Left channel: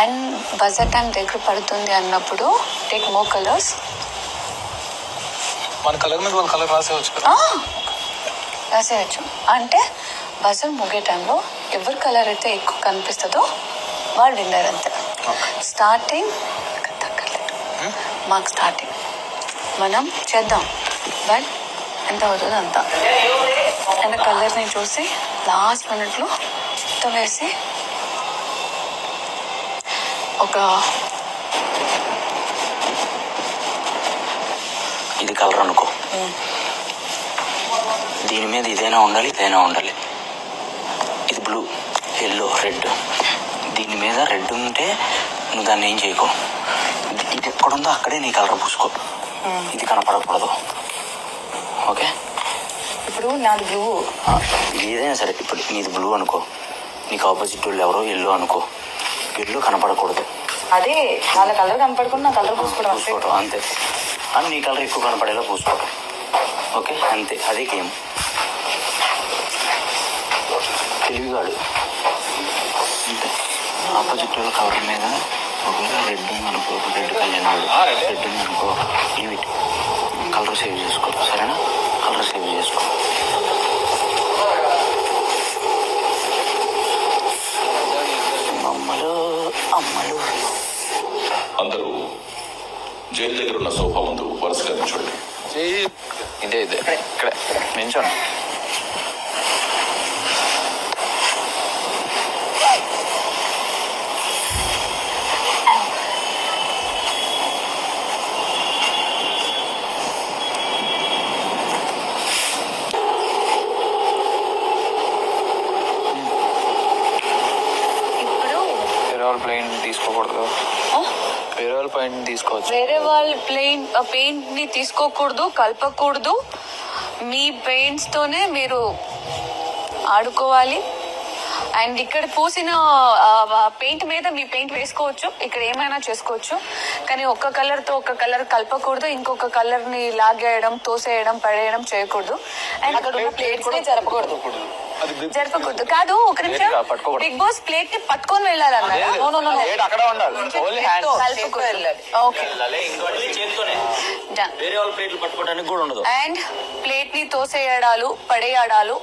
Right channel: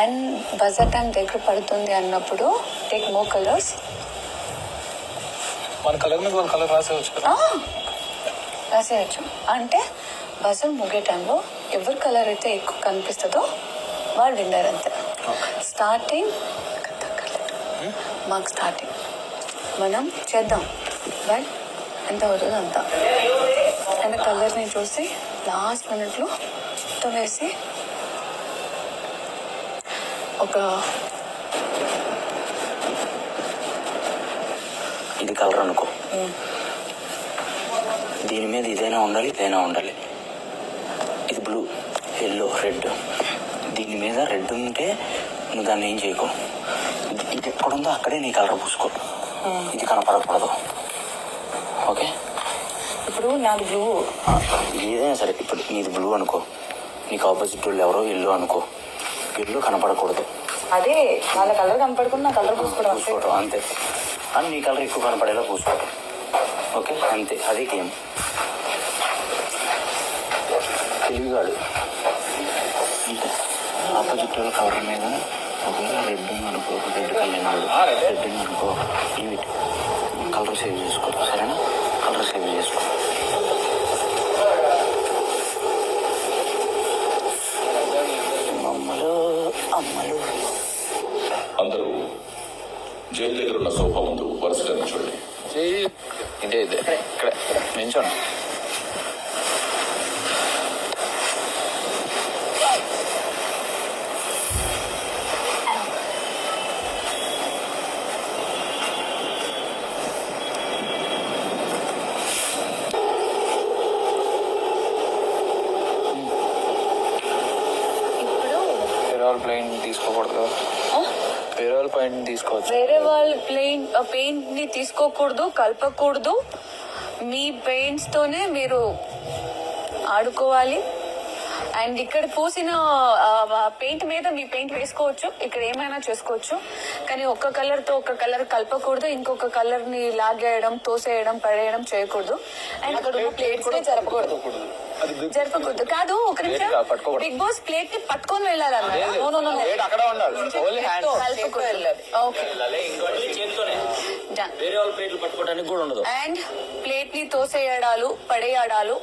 And buzzer time దగ్గర పడుతుంది అన్నప్పుడు టేక్ మోర్ కలర్స్. మన కలర్ మీద వాళ్ళ కలర్ రాసేవచ్చు కదా. రాసేయచ్చు. అంటే బజర్ ముగే టైంలో ఎవరి కలర్ అయితే ఎక్కువ కనిపిస్తుందో వాళ్ళు విన్నర్ అంతే. స్టార్టింగ్ మాకు స్టార్టింగ్ మనం చేద్దాం, బట్ ఎంత అవుతుందో అంత. అండ్ కలర్ని చూసి లాస్ట్ మినిట్లో మొత్తం వేసి ఒక ఇది కలర్ అనుకో, దీని మీద ఇదైనా ఉండాలి, ఇదైనా ఉండాలి. ఇది బ్లూ, ఎల్లో, రెడ్. దీని మీద రెడ్ ఉంటే నువ్వు దాన్ని ఏం చేయకు. ఇది ఎక్కడుందో అక్కడే నీ కలర్ పూసుకో, ఇది కనపడకూడదు. ఓకే, ఇప్పుడు నాది బ్లూ. ఏదైనా సరే, ఇప్పుడు నీది బ్లూ అనుకో, నీకు ఆపోజిట్ వాళ్ళు ఎవరో ఎల్లో అనుకో, ఎల్లో కనపడకూడదు. అదే వాళ్ళ కలర్ కనపడకుండా నా కలర్ పూసుకోవటం అంతే. అని నీ కలర్ ఎక్కువ కనపడేలా పూసుకోవటం. ఓకే, అంతే, అదే గేమ్. తెలివిగాడు అంతే. ఆపోజిట్ వాళ్ళ కవర్ మీద ఒకవేళ రెడ్ ఉందనుకో, రెడ్ కళ్యాణ్ రెడ్ ఉందనుకో, ఇవి కలర్ సేవ్ చేసుకో, సరేనా? కలర్ సేవ్ చేసుకో. అమ్మలు అమ్మలు అందరూ జైలు దగ్గర ఉన్న సోఫా ముందు వరుసగా నిల్చోండి. ఇదే ఇదే ఇక్కడ నించోండి. ప్లెయిన్ తీసుకోకూడదు, వేరే వాళ్ళ పెయింట్ తీసుకోవచ్చు. వేరే వాళ్ళ పెయింట్ ని తీసుకోకూడదు, కలపకూడదు. మీ పెయింట్స్ తోనే మీరు ఆడుకోవాలి. అండ్ ఇక్కడ పూసిన పెయింట్ మీద మీ పెయింట్ వేసుకోవచ్చు, ఇక్కడ ఏమైనా చేసుకోవచ్చు. కానీ ఒక్క కలర్తో ఒక్క కలర్ కలపకూడదు, ఇంకొక కలర్ని లాగేయడం, తోసేయడం, పడేయడం చేయకూడదు. అండ్ అక్కడ ఉన్న ప్లేట్స్ జరపకూడదు. కాదు, ఒక నిమిషం. బిగ్ బాస్ ప్లేట్ ని పట్టుకొని వెళ్ళాలన్నారా? అండ్ ప్లేట్ ని తోసేయడాలు, పడేయడాలు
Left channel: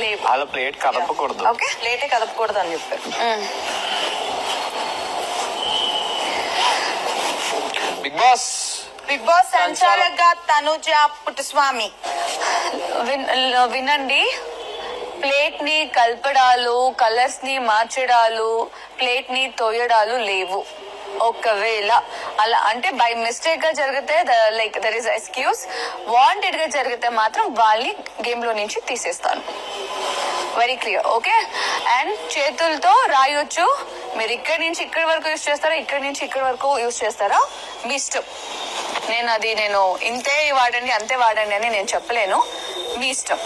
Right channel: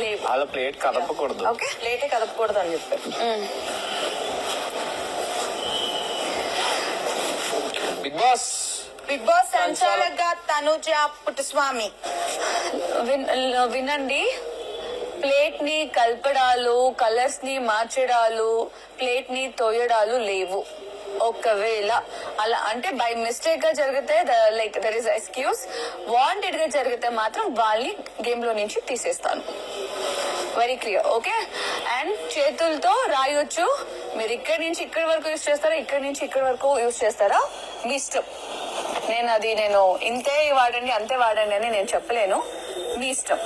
లేవు. వాళ్ళ ప్లేట్ కదపకూడదు. ఓకే, ప్లేటే కదపకూడదు అని చెప్పారు. బిగ్ బాస్ సంచాలక తనుజ పుట్టుస్వామి వినండి. ప్లేట్ ని కలపడాలు, కలర్స్ ని మార్చడాలు, ప్లేట్ ని తోయడాలు లేవు. ఒకవేళ అలా అంటే బై మిస్టేక్ గా జరిగితే like there is excuse. Wanted గా జరిగితే మాత్రం వాళ్ళని గేమ్ లో నుంచి తీసేస్తాను. Very clear. ఓకే, అండ్ చేతులతో రాయొచ్చు. మీరు ఇక్కడి నుంచి ఇక్కడి వరకు యూజ్ చేస్తారా, ఇక్కడి నుంచి ఇక్కడి వరకు యూజ్ చేస్తారా, మీ ఇష్టం. నేను ఇంతే వాడండి, అంతే వాడండి అని నేను చెప్పలేను, మీ ఇష్టం.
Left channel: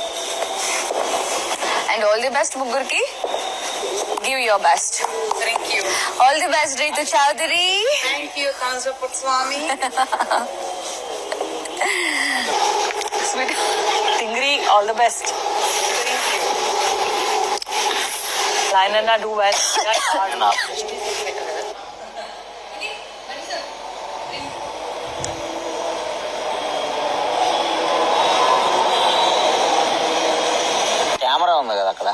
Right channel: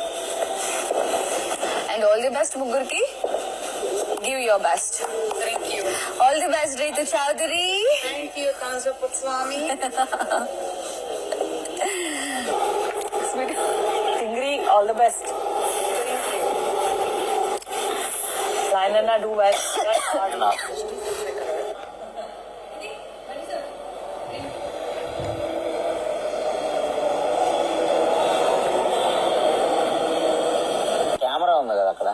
అండ్ ఆల్ ది బెస్ట్ ముగ్గురికి. Give your best. Thank you. All the best Ritu Chaudhary. Thank you Tanuja Puttuswamy. టింగ్రీ, all the best. Lainana, do well. Camera ఉంది కదా అక్కడ.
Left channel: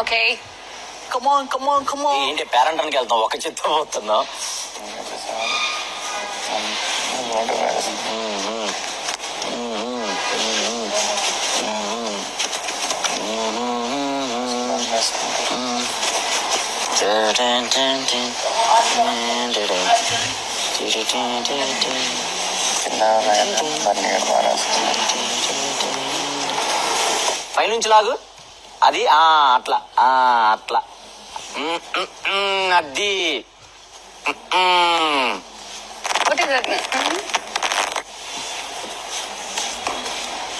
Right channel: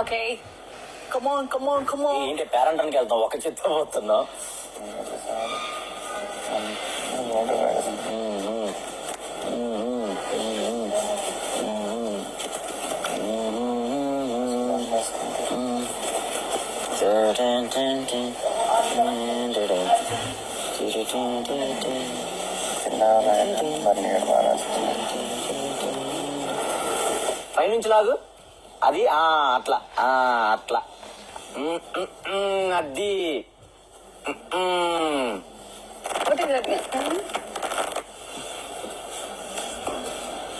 Okay, come on. ఏంటి పేరెంటానికి వెళ్తాం, ఒక చిత్తం పోతున్నాం. పైనుంచి లాగు, అది అట్లా అట్లా అది.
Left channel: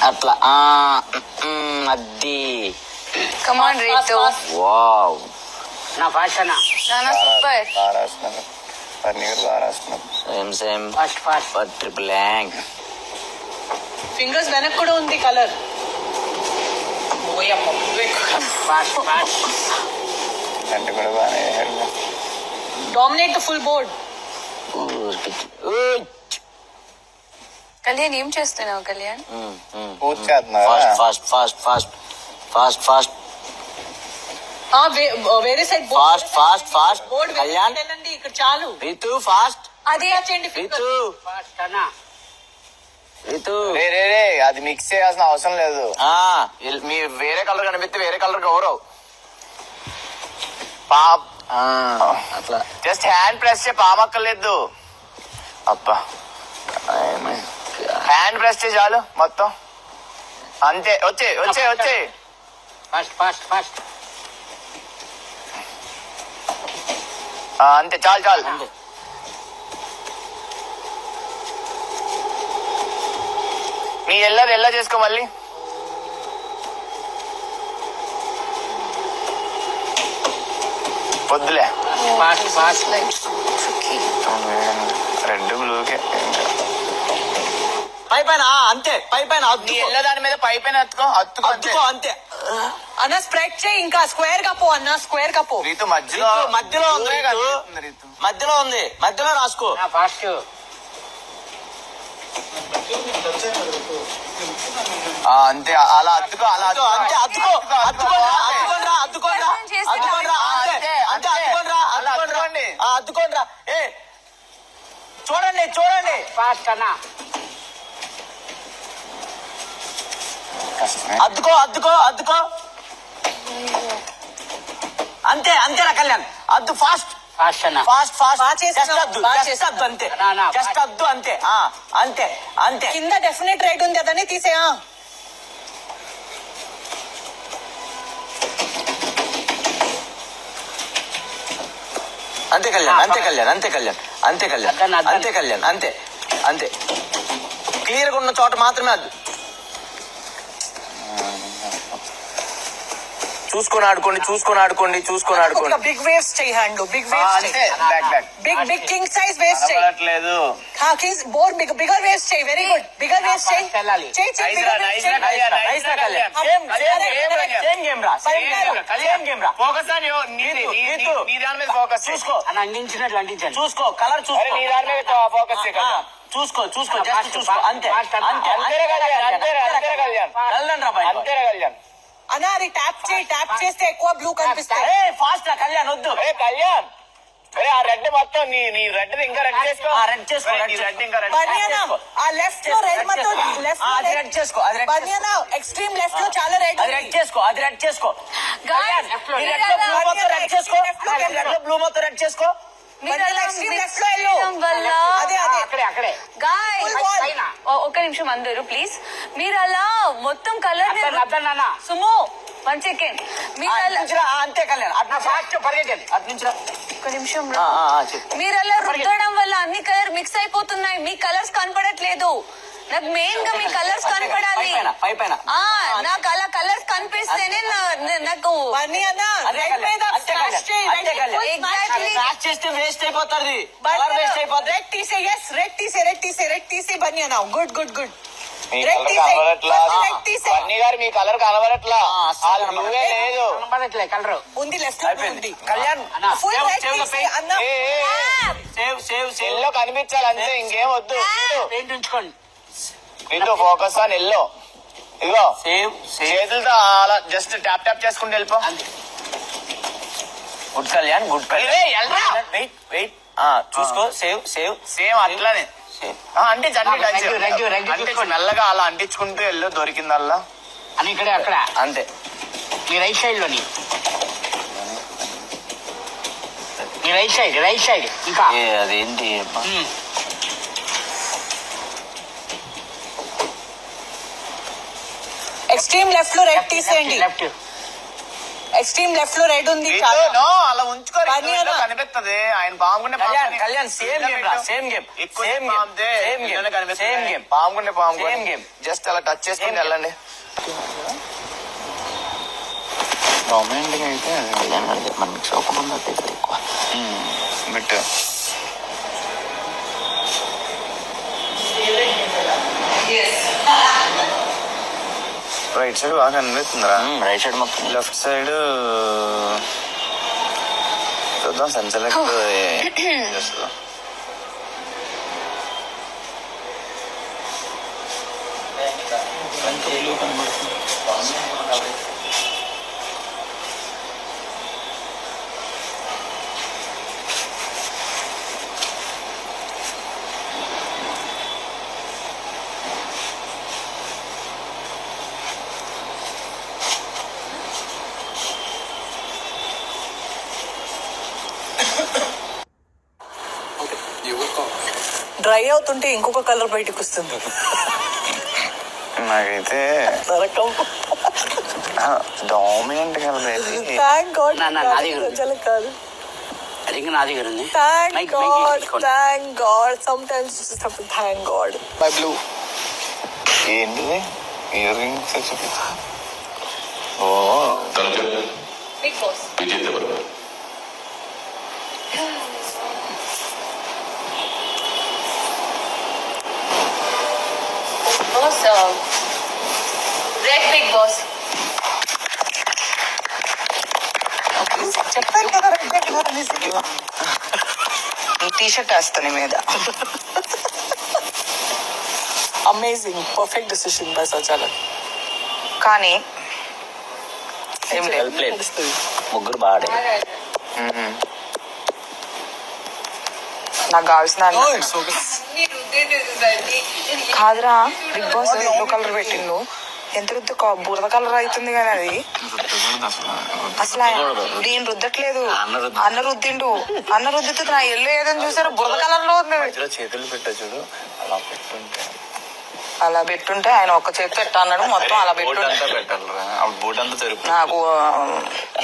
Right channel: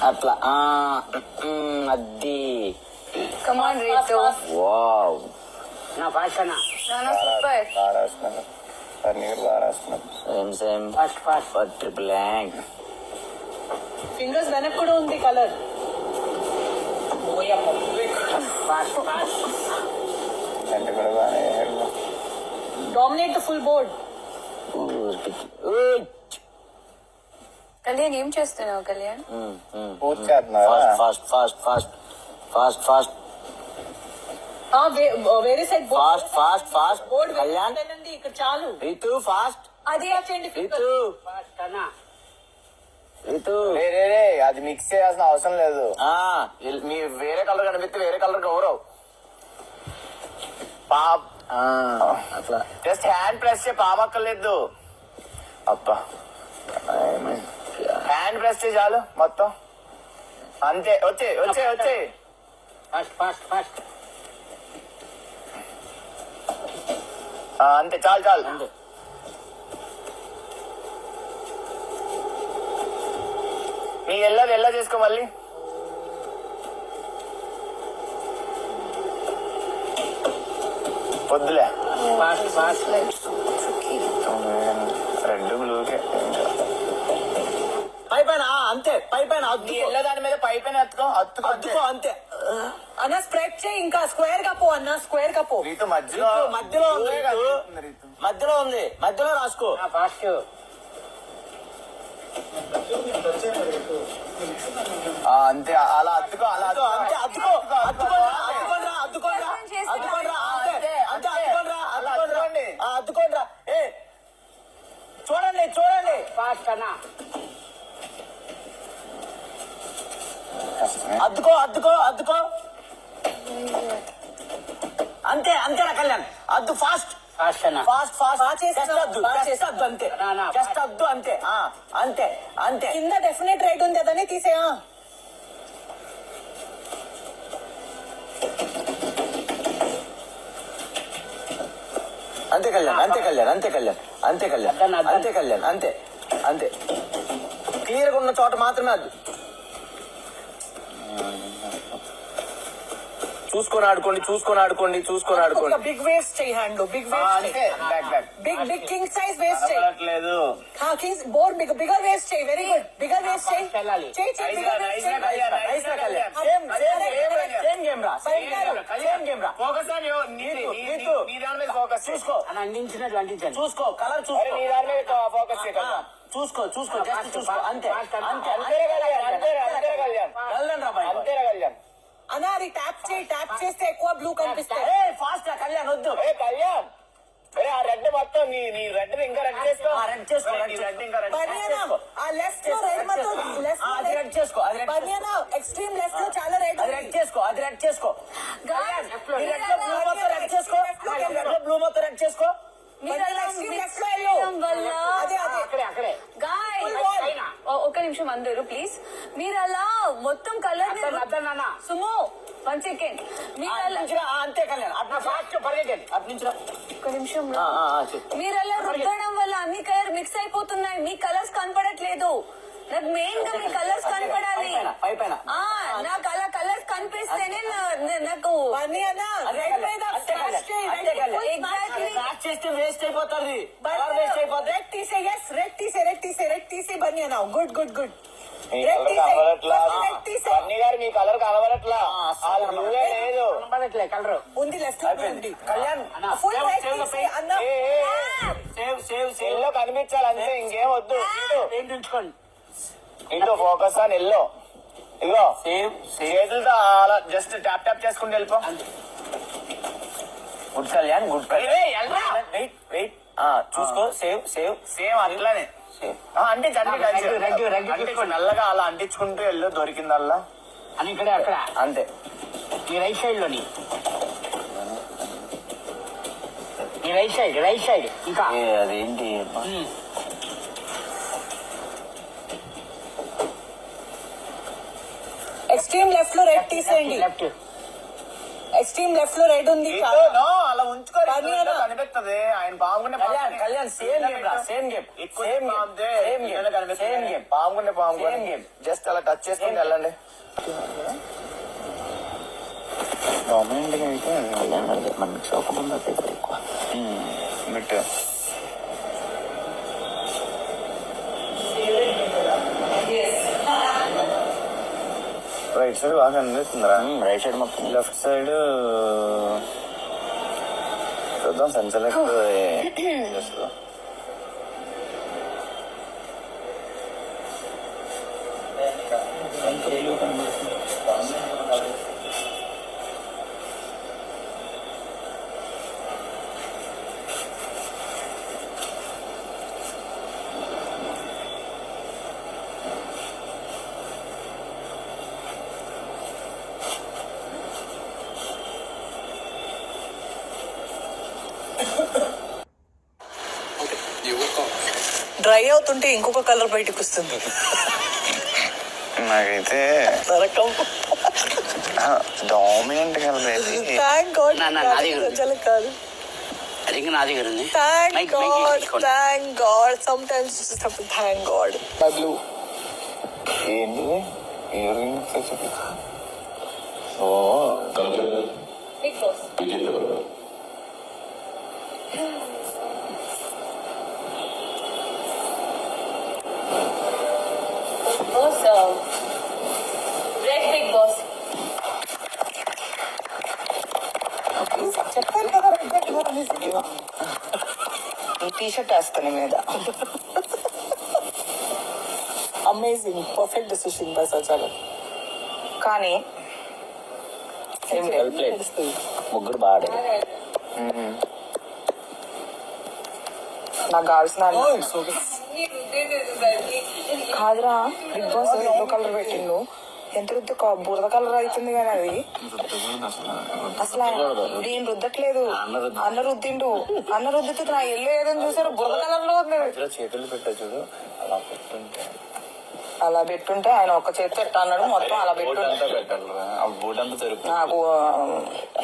అట్లా అది. కమాన్ రీతు. వావ్, నానా సూపర్. పన్నీ గారు బాగా రాస్తున్నారు. Same same fast fast but triple యాంగ్. ఫింగర్స్ వెనక్కి కూడా ఉంది కలర్. ఫాస్ట్ ఫాస్ట్ అంటే కూడా బాగానే వేశారు. Dominate the full board. Kalyan ఏం చేస్తున్నావు కళ్యాణ్? పూజ చేస్తున్నారా? Fast fast fast fast fast వేరే side fast fast fast board Kalyan వెళ్ళండి. ఇక్కడ చాలు. రీతు ఫాస్ట్. అది చేయండి రీతు రీతు రే రే రే అది మిక్స్ చేయాల్సిన అవసరం లేదు. మీ వేరే కలర్ కనిపిస్తే వేరే కలర్ కవరవు. పాప్ అట్లా జస్ట్ హ్యాండ్ ప్రెస్ చే పామక్కర్లేదు. అబ్బా హ్యాండ్ ప్రెస్ చే చాలు మొత్తం. అంతే వచ్చే వచ్చే వచ్చే. Fast fast fast. అంతే చాలు చాలు. నీ ఎల్లది ఎల్ల చేసుకో మళ్ళీ. వద్దులే ఫాస్ట్ ఫాస్ట్. రెడ్ బ్లూకే పై పైన అంతే పై పైన నీ ఎల్ల దాని మీద పై పైన అత్తుకో అత్తుకో అంతే. అద్దుకో అంతే. అన్న స్ప్రెడ్ చేయి. ఇంకా స్క్వేర్ గా పో అన్న. స్క్వేర్ గా పో. రీతు మధ్యలో రీతు మధ్యలో ఉంది. ఊరే రీతు కనిపిస్తుంది రీతు. మధ్యలో ఉంది. మధ్యలో రాసుకో. ఫాస్ట్. అంతే అలా అత్తుకో అలా అద్దుకో, అంతే అద్దుకో అద్దుకోండ్రా అద్దుకోండ్రా అద్దుకోండ్రా అద్దుకోండ్రా అంతే అంతే అద్దుకోండ్రా అద్దుకోండి అద్దుకోండ్రా. ఏ చూడండి చూడండి. ఫాస్ట్ అన్న. అద్దుకో అద్దుకో అద్దుకో అంతే అంతేనా కళ్యాణ్. అద్దు ఫాస్ట్ ఫాస్ట్ అన్న. Fast fast. బాగా చేస్తున్నావు, జస్ట్ అద్దు బాగా జస్ట్ అద్దు అంతే. నా, నా, జస్ట్ అద్దు అంతే. అంతే అంతే. కింద డెఫినెట్ రైట్ ఉంది అదని తీసేయా. అంతే కళ్యాణ్ అంతే కళ్యాణ్ అంతే కళ్యాణ్ అంతే కళ్యాణ్ అద్దన్, అద్దన్. అంతే కళ్యాణ్ అంతే అంతే. క్లియర్ గా ఉన్న చోట మాత్రమే అద్దు. చూసుకొని ఆడుకోండి చూసుకొని ఆడుకోండి చూసుకొని ఆడుకోండి. బిగ్ వేవ్స్ చేయి. హ్యాండ్ లో బిగ్ వేవ్స్ అంతే చేయి. Back back big big king size waves చేయి. కనబడట్లేదు. కింగ్స్ బోర్ బిగర్ వేవ్స్ చేయి. Very good. బిగర్ వేవ్స్ చేయి. చేయి చేయి. నైస్ రా, బిగర్ నైస్ వేవ్స్ రా, చేయి. కళ్యాణ్, నైస్ రా Kalyan. Same same Kalyan. Same game రా. సేమ్ గేమ్ రా. ఫోకస్ ఆన్ యువర్ నీ దాని మీద ఫోకస్ చూసుకో అని అందించినట్లు అందించండి. చూసుకో కలర్ అరే చూసుకో. నీ దాని మీద ఫోకస్ చేయ కళ్యాణ్. చూసుకో చూసుకో ఫాస్ట్, జస్ట్ చూసుకో ఫాస్ట్, అంతే ఫాస్ట్ అన్న. అంతే అంతేరా కళ్యాణ్ అంతేరా అంతేరా కళ్యాణ్ వెళ్ళండి రా బయట. అంతేరా కళ్యాణ్. అన్నా అది ట్యాప్ చేయి. ట్యాప్ చేస్తే ఎక్కువ బ్లూ కనిపిస్తాయి. ఫాస్ట్ రా కళ్యాణ్ వద్దు. అరే కళ్యాణ్ అరే ఆ రెడ్ మొత్తం నీ రెడ్ ఇంకా రెడ్ చేసుకో. రెడ్ చేసుకో నీ రెడ్ ఇంకా రెడ్ బనియానా ఆ లెఫ్ట్ లో రెడ్ మొత్తం లెఫ్ట్ అది రెడ్ చేసుకో అది రెడ్ బనియానా ఎక్స్ట్రీమ్ లెఫ్ట్ లో చాలా రెడ్ అది రెడ్ చేసుకో అది రెడ్ చేసుకో. Guys, ఈ రెడ్ లో బ్లూ మొత్తం రెడ్ చేసుకో. రెడ్ లో బ్లూ మొత్తం రెడ్ చేసుకో. మీరు అలా extreme mix left లో వెళ్ళు. చేయడం వల్ల అదే అదే అక్కడే అక్కడే Guys, Full wall. పైన. ఒక నిమిషం అందరూ ప్లీజ్. మీరు అలా మొత్తం కలర్ అర్థం నాన్న సుమో 1 సెకండ్. మీరు అలా అంతే కళ్యాణ్ అట్లా ఫాస్ట్ పరిగెట్టండి అటు నుంచి రా. ఒక నిమిషం చెప్పు. మీరు అలా రుద్దడం వల్ల అన్ని కలర్ మిక్స్ అయిపోతున్నాయి. మీ కలర్స్ కనపడట్లేదు. నాకు మెయిన్ గా మీ కలర్స్ కనపడాలి. పై పైన నాకు అలా కలర్స్ కనిపిస్తేనే నాకు బనియానా అంతే రెడ్ మీద అంతే స్మాష్ చేయి. అంతే Exactly. స్మాష్ చేస్తే వేస్ట్ అయిపోతుంది. కలర్ వేస్ట్ అయిపోతుంది. రెడ్ తీసే. yes రెడ్ తీసే. రెడ్ తీసే బనియానా. Good good good. మీ రెడ్ కలర్ తీసే. కనబడట్లా. రెడ్ తీసే. బన్నీ గారు మీ కలర్ కనబడట్లా. అస్సలు ఆ బ్లూవే లేదు. కనబడట్లే కలరు ఉంది లెఫ్ట్ లో ఉంది. అయిపోయింది Kalyan. Full save red save the తీసే పెయింట్. అన్న. Save save save. ఎల్లో కనిపించాలి అంతే ఇంకేం వద్దు. పెయింట్ ఉంచుకోండి నీతో ఫోకస్ ఆన్ ఎల్లో. ఇదిగో సేవ్ సేవ్. చేతులతో అలా జస్ట్ ట్యాప్ ట్యాప్ చేసుకుంటూ వెళ్ళిపో. Good Kalyan good Kalyan. ఏయ్, ఎల్రా. వెయిట్ వెయిట్ చూసుకో సేవ్ సేవ్ సేమ్ అట్లానే సేవ్. అంటే రెగ్యు అంటే చూసుకోండి. మెల్లగా అలా అంటించుకుంటూ వెళ్ళు దొరికిందల్లా. అని ఇక్కడే అక్కడ అంతే మీ రైట్ సైడ్ లోని మీ రైట్ సైడ్ ఇంకా అదేంటి ఎక్స్ట్రీమ్ లెఫ్ట్ లో రెడ్ తీసేయండి. లెఫ్ట్ ఎక్స్ట్రీమ్ లెఫ్ట్ లో రెడ్ ఉంది నీతో చాలా. నో, అలా ఉంచుకోరు. బనియానా. కనిపిస్తుంది ఆయన బాగుండే కళ్యాణ్ కళ్యాణ్ సేమ్ గేమ్ రా సేమ్ గేమ్ ఎక్కువ same game same game same game పాముకుండే Same game. జస్ట్ అలా టచ్ చేసుకుని Same game. వెళ్ళండి. రొమాంటిక్ అయితే కళ్యాణ్ గారు మనం మిక్స్ అవ్వకుండా ఎక్కువ బిట్ రైట్ సైడ్ బాగా కనిపిస్తుందిరా. రైట్ సైడ్ మొత్తం లెఫ్ట్ సైడ్ చూద్దాం సెన్సెలెక్ట్ చేస్తుందా. డ్రై అవుతుంటే ఇంకొక కలర్ బయటకు వస్తుంది. నాకైతే నరకం. డామినెంట్ కలర్ అయితే థ్యాంక్ గాడ్. నాది కాదు. అది నా దగ్గర ఉంది. Thank God, thank God. Sometimes thank God. My blue. ఏంటిది ఇయర్ రింగ్స్ చూపించు. ఓ తనుజ బిగ్ బాస్ విజేత ఎవరు? Boss red Bigg Boss. చెప్పాను కదా రెడ్ కలర్ అనేసి. టీ షర్ట్ వేస్తాను మీద. అమేజింగ్, పర్ఫెక్ట్ డెసిషన్ బై సచాలక్. కానీ ఏం లేదు, ముగ్గురు బాగా నాకు కావాల్సిన కాదురా. బిగ్ బాస్ ఎల్లో కలర్ పెట్టిండు. ఎంత రుద్దు బురద కలర్ అవుతుంది కానీ అది అసలు దీని రుద్దట్లేదు. అన్న రుద్దిండు. అన్న రుద్దితే నా ఎల్లో ఏదని చూసారు బురద కలర్ లో ఉంది. చేతులు పెట్టా చూడు, అలా పెట్టుంటే అలా పెట్టుంటే ఆయన ఒక్క చేతి పెట్టా అన్నాడు. మొత్తం అలా బోట్ పెట్టుంటే అంతా పెట్టాలరా. అప్పుడు బోట్ అంతా జరుపు. నాకు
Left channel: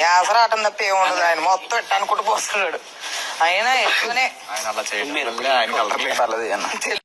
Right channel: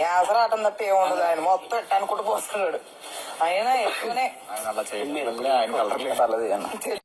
యాసరాటం తప్ప ఏముండదు. ఆయన మొత్తం పెట్టా అనుకుంటూ పోస్తున్నాడు. అయినా ఎక్కువనే ఆయన అలా చేయడం వల్లే ఆయన కలర్ లేదు.